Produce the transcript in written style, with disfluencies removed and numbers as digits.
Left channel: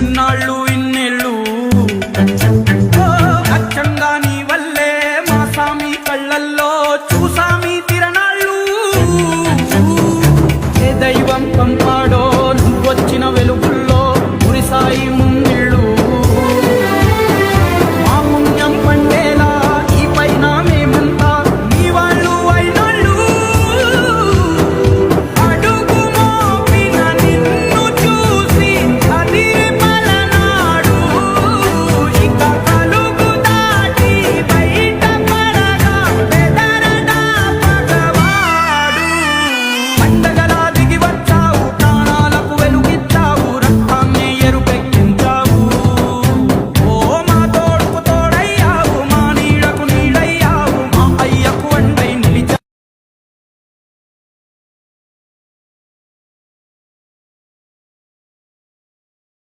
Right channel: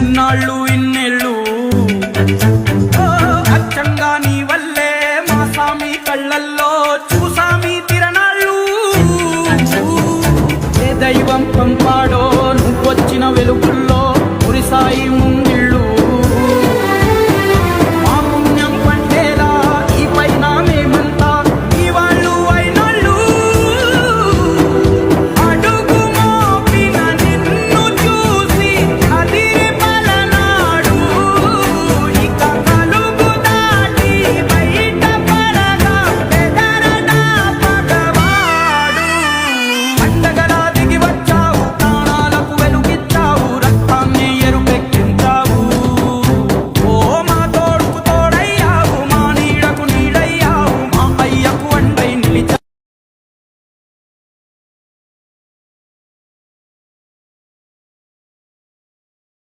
ఇన్నాళ్ళు ఇన్నేళ్ళు అచ్చంగా నీ వల్లే మా సామి కళ్ళల్లో చూసామి తిరణాళ్ళు. ఏ దైవం పంపాడో నువ్వొచ్చిన వెలుగుల్లో మురిసాయి ముందు